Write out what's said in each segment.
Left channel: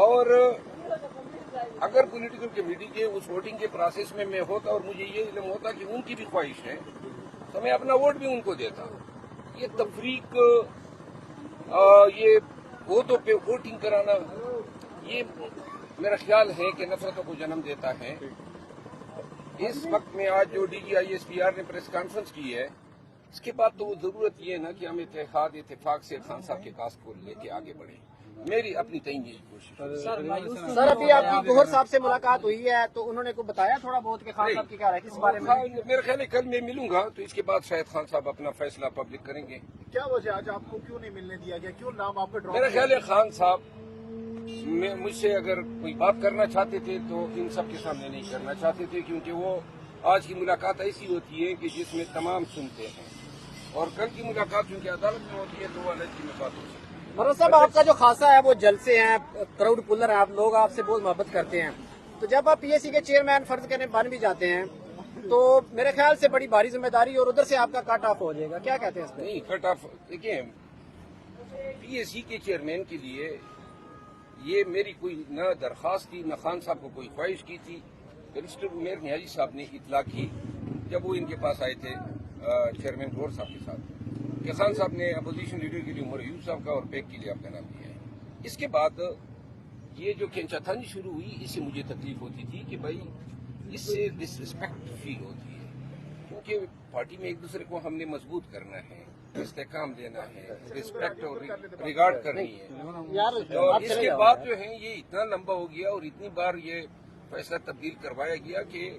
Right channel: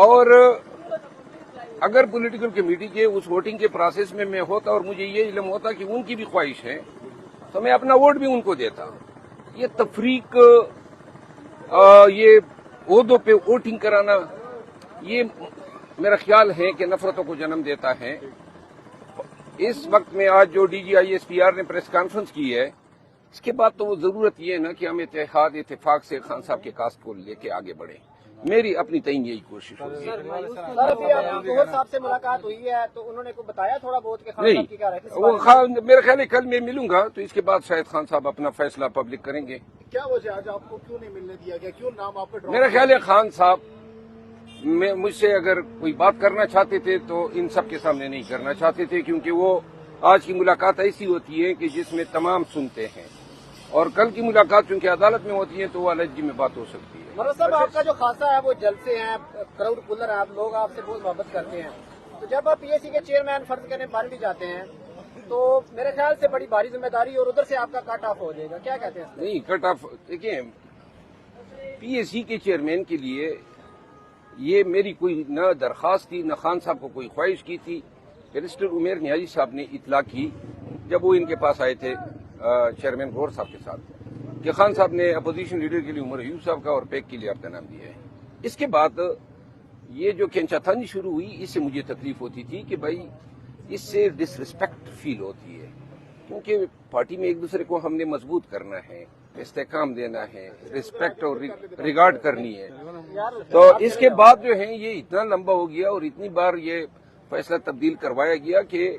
اور اگر political committee کے اس ووٹنگ کے پروسیس میں میں ہوتا اور مجھے یہ علم ہوتا کہ ان کی بھی خواہش ہے تو میں اپنا ووٹ بھی ان کو دیتا. یہ تفریق، یہ عہدوں پہ ووٹنگ کرانا، یہ میرا خیال ہے کہ نفرتوں کو جنم دیتا ہے. اس وقت میں آج جو D G I S P R نے پریس کانفرنس کی ہے، اس کے بعد تو وہ ضرورت یہ ہے نا کہ ہم اتفاق سے خان صاحب کے کاسٹ کو لے کے آگے بڑھیں. میری اپنی تئیں یہی کوشش ہے. سر ابھی آپ کی گوہر صاحب سے ملاقات ہوئی ہے تو انہوں نے کو بتایا تھوڑا بہت کہ خان صاحب کی کیا رائے ہے؟ وہ خان میرے خیال ہے کل میں ملوں گا تو اس کے بعد شاید خان صاحب اپنا فیصلہ پبلک کریں گے. کیا وجہ آج آپ کو کیوں نہیں ملنے دیا گیا، کیوں نام آپ کا؟ میرا خیال ہے خان صاحب مجھ سے اگر کوئی بات کرنا چاہتے تھے تو ان سب کے سامنے نہیں کرنا چاہتے تھے، کیونکہ وہ آج کی ملاقات ایسی ہوتی ہے کہ جس میں تمام سنتے ہیں، اور کل کی ملاقات چونکہ عدالت میں ہوتی ہے تو وہ علیحدگی میں بات ہو سکتی ہے. مروز صاحب، آپ کا جو خاصا ہے وہ جلسے ہیں، کراؤڈ پولر ہیں، آپ لوگ آپ سے بہت محبت کرتے ہیں، تو جب آپ پی ایس سی کے چیئرمین فرض کرنے بن بھی جاتے ہیں تو میرے خیال سے بڑی بھاری ذمہ داری اور ادھر سے آپ کا کٹ آف ہو جائے گا، کیا کہتے ہیں؟ نہیں، کٹ آف دیکھیں، پی ایس سی کے چیئرمین کے لیے یہ میری کوئی نہ درخواست تھی، نہ خان صاحب کو کوئی خواہش کی تھی. بیرسٹر عمیر نیازی صاحب نے اطلاع کی جب وہ ان کے پاس آئے تھے چیئرمین گور صاحب کے ساتھ کہ خان صاحب نے اپوزیشن لیڈر کے لیے عمر ایوب صاحب کا اور پیک کے لیے آپ کا نام دیا ہے. اس کے بعد یہ جو کھینچاتھانی شروع ہوئی، اس سے مجھے تکلیف ہوتی تھی کہ بھائی اس سے ڈس رسپیکٹ فیل ہوتی ہے، کیونکہ پارٹی میں ایک دوسرے کو ہم نے مضبوط کرنا ہے، استحکام دینا ہے، رسپیکٹ اور ریگارڈ کرنی ہے. تو اس کے بعد جو ہے یہ اتنا لمبا ہو گیا اور اتنی بار یہ فیصلہ تبدیل کروایا گیا کہ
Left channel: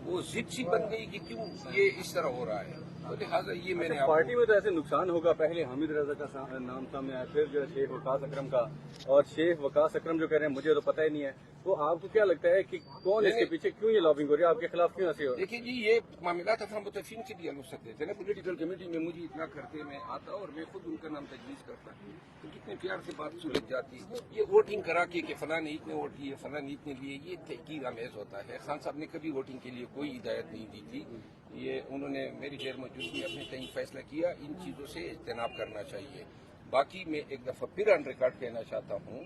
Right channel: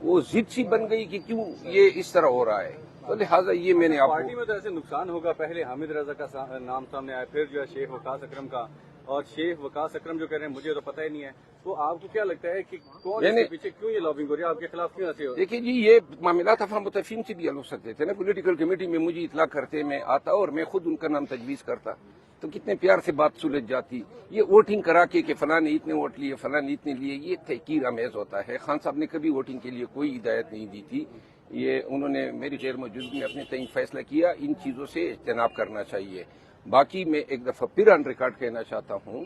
وہ ضد سی بن گئی کہ کیوں یہ اس طرح ہو رہا ہے. تو لہٰذا یہ میں نے آپ پارٹی میں تو ایسے نقصان ہوگا. پہلے حامد رضا کا نام سامنے آیا، پھر جو ہے شیخ وقاص اکرم کا، اور شیخ وقاص اکرم جو کہہ رہے ہیں مجھے تو پتہ ہی نہیں ہے. تو آپ کو کیا لگتا ہے کہ کون اس کے پیچھے کیوں یہ لابنگ ہو رہی ہے، آپ کے خلاف کیوں ایسی ہو رہی ہے؟ دیکھیے جی، یہ معاملات افہام متفقین سے بھی حل ہو سکتے تھے نا. پولیٹیکل کمیٹی میں مجھے اطلاع کرتے، میں آتا اور میں خود ان کا نام تجویز کرتا تو کتنے پیار سے بات سلجھ جاتی. یہ ووٹنگ کرا کے کہ فلاں نے اتنے ووٹ لیے، فلاں نے اتنے لیے، یہ تحقیر آمیز ہوتا ہے. خان صاحب نے کبھی ووٹنگ کے لیے کوئی ہدایت نہیں دی تھی. یہ انہوں نے میری غیر موجودگی میں اپنے تعین فیصلہ کیا. ان چیزوں سے اجتناب کرنا چاہیے. باقی میں ایک دفعہ پھر آن ریکارڈ کہنا چاہتا ہوں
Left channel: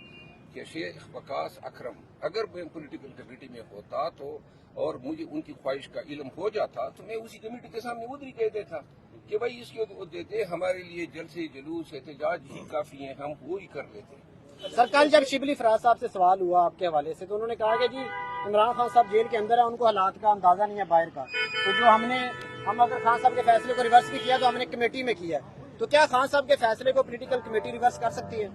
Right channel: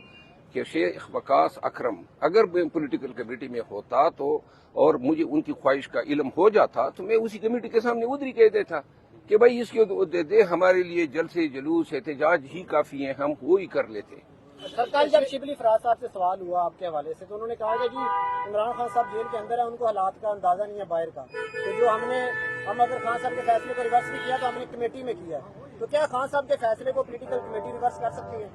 کہ شیخ وقاص اکرم اگر میں پولیٹیکل کمیٹی میں ہوتا تو اور مجھے ان کی خواہش کا علم ہو جاتا تو میں اسی کمیٹی کے سامنے ادھر ہی کہہ دیتا کہ بھائی اس کے دے دے، ہمارے لیے جلسے جلوس احتجاج ہی کافی ہیں، ہم وہی کر لیتے. سر کل جب شبلی فراز صاحب سے سوال ہوا آپ کے حوالے سے تو انہوں نے کہا کہ جی عمران خان صاحب جیل کے اندر ہیں، ان کو حالات کا اندازہ نہیں ہے باہر کا، تو جو ہم اگر خان صاحب کے فیصلے کو ریورس بھی کیا تو ہم نے کمیٹی میں کیا، تو کیا خان صاحب کے فیصلے کو پولیٹیکل کمیٹی ریورس کر سکتی ہے؟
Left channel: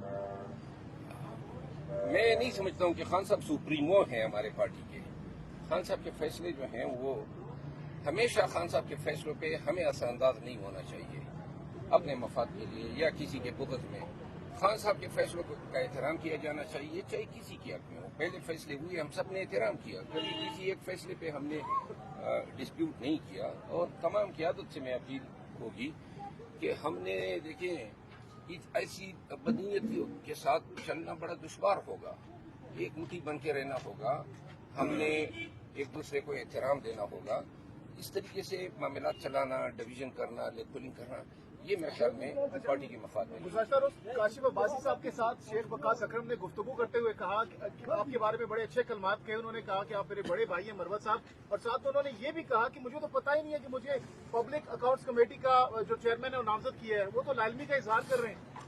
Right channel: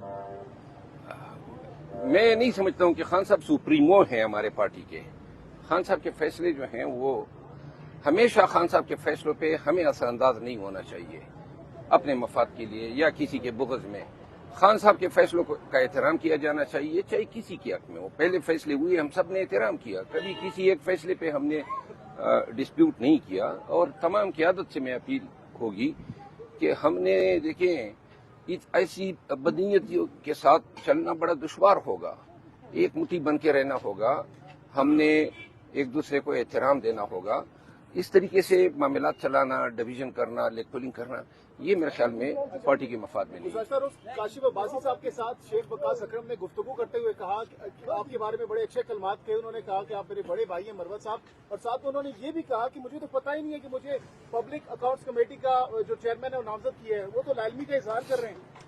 میں نہیں سمجھتا ہوں کہ خان صاحب سپریمو ہیں ہمارے پارٹی کے. خان صاحب کے فیصلے جو ہیں وہ ہمیشہ خان صاحب کے فیصلوں پہ ہمیں اثر انداز نہیں ہونا چاہیے اپنے مفاد کے لیے یا کسی کے بغض میں. خان صاحب کے فیصلوں کا احترام کیا جانا چاہیے، چاہے کسی کے حق میں ہو. پہلے فیصلے ہوئے، ہم سب نے احترام کیا، کبھی کسی ایک فیصلے پہ ہم نے ڈسپیوٹ نہیں کیا. اور تمام قیادت سے میں اپیل ہوگی کہ ہم نے دیکھیں ایسی بدنیتیوں کے ساتھ چلنا بڑا دشوار ہوگا. ایک مٹھی بن کے رہنا ہوگا، ہم نے ایک دوسرے کو احترام دینا ہوگا. اس طریقے سے معاملات چلانا، ڈویژن کرنا، لیگ پولنگ کرنا، یہ میرے خیال میں پارٹی کے مفاد میں نہیں. سر کاشف عباسی صاحب کے ساتھ شیخ وقاص اکرم نے گفتگو کرتے ہوئے کہا کہ آپ کے بارے میں بڑے اچھے کلمات کہے. انہوں نے کہا کہ آپ میرے بڑے بھائی ہیں مروت صاحب، اور ساتھ میں انہوں نے یہ بھی کہا کہ مجھے تو پتہ ہی نہیں ہے کہ مجھے پبلک اکاؤنٹس کمیٹی کا جو چیئرمین ہے وہ نامزد کیا ہے، وہ تو لالمی کا اظہار کر رہے ہیں.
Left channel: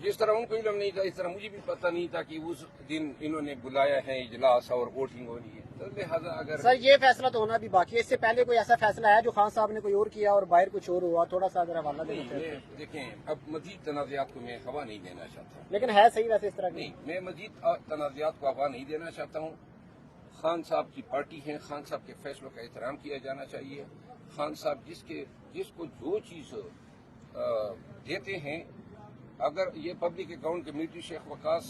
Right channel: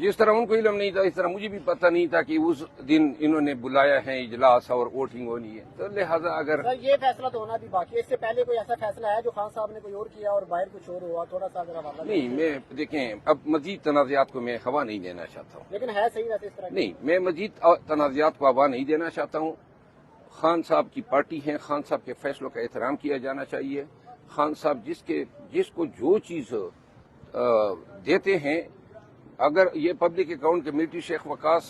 جس طرح ان کو علم نہیں تھا اس طرح مجھے بھی پتہ نہیں تھا کہ اس دن انہوں نے بلایا ہے اجلاس اور ووٹنگ ہونی ہے. تو لہٰذا اگر سر یہ فیصلہ تو ہونا بھی باقی ہے، اس سے پہلے کوئی ایسا فیصلہ ہے جو خان صاحب نے کوئی اور کیا اور باہر کچھ اور ہوا، تھوڑا سا اگر حوالہ نہیں، میں دیکھیں اب مزید تنازعات کو میں ہوا نہیں دینا چاہتا ہوں. لیکن ہے صحیح ویسے اس طرح نہیں، میں مزید تنازعات کو ہوا نہیں دینا چاہتا ہوں. خان صاحب کی پارٹی ہے، خان صاحب کے فیصلوں کا احترام کیا جانا چاہیے. خان صاحب جس کو جو چیز دیتے ہیں، اگر یہ پبلک اکاؤنٹ کمیٹی شیخ وقاص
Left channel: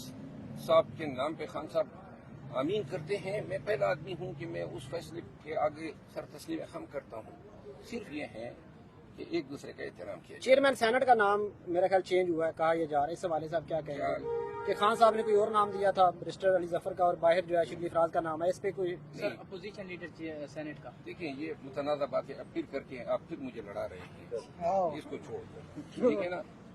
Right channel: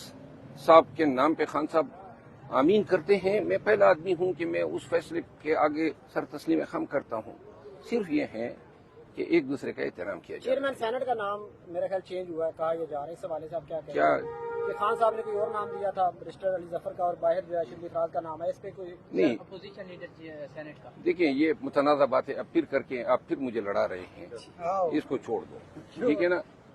صاحب کے نام پہ خان صاحب آمین کرتے ہیں، میں پہلا آدمی ہوں کہ میں اس فیصلے کے آگے سر تسلیم خم کرتا ہوں. صرف یہ ہے کہ ایک دوسرے کا احترام کیا جائے. چیئرمین سینٹ کا نام میرا خیال چینج ہوا ہے، کہا یہ جا رہا ہے، اس حوالے سے آپ کیا کہیں گے کہ خان صاحب نے کوئی اور نام دیا تھا برسٹر علی ظفر کا اور باہر جو ہے شبلی فراز کا نام ہے، اس پہ کوئی نہیں؟ اپوزیشن لیڈر سینٹ کا دیکھیں یہ متنازع باتیں اب پھر کر کے آپ پھر مجھے لڑا رہے ہیں، اس کو چھوڑ دو، ٹھیک ہے نا.